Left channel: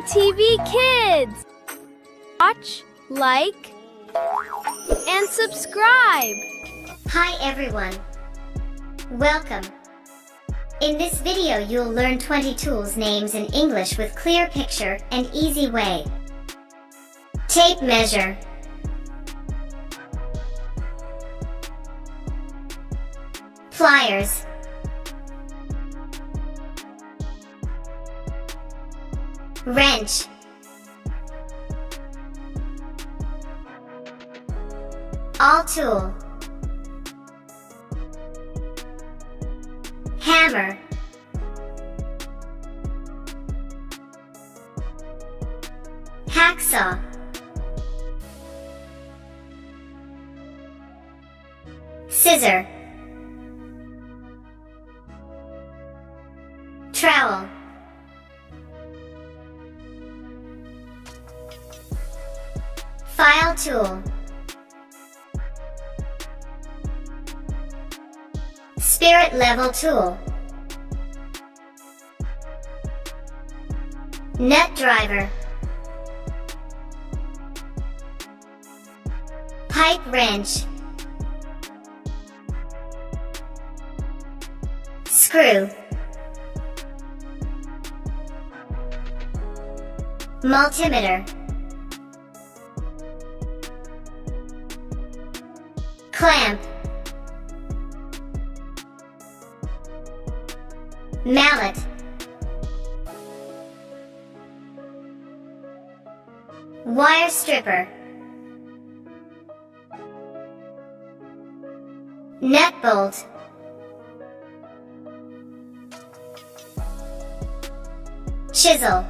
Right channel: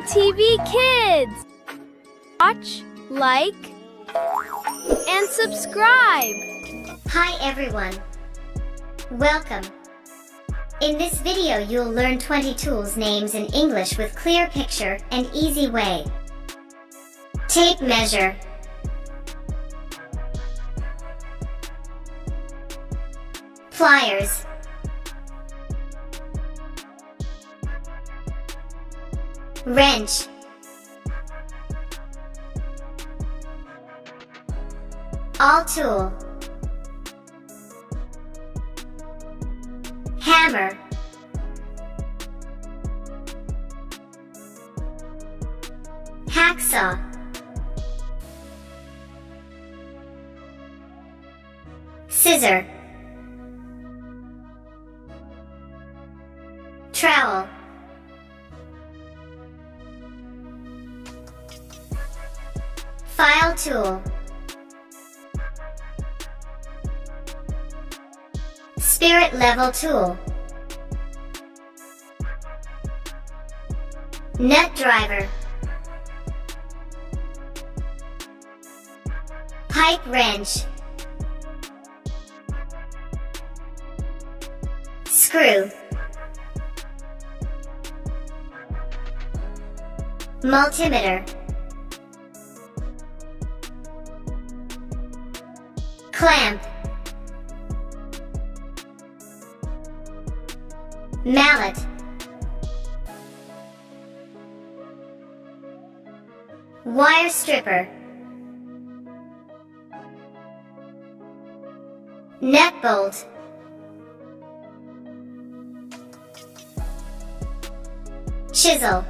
TV Kids. Watch, like, and subscribe. Hi everyone. Welcome. In this video you'll learn 20 tools names in English with clear picture and easy way. Tape measure. Pliers. Wrench. Awl tool. Hammer. Hacksaw. Scissor. Trowel. File tool. Spirit level tool. Nut driver. Pipe wrench. Screw. Multimeter. Clamp. Mallet. Wire stripper. Nut bolt. Chisel.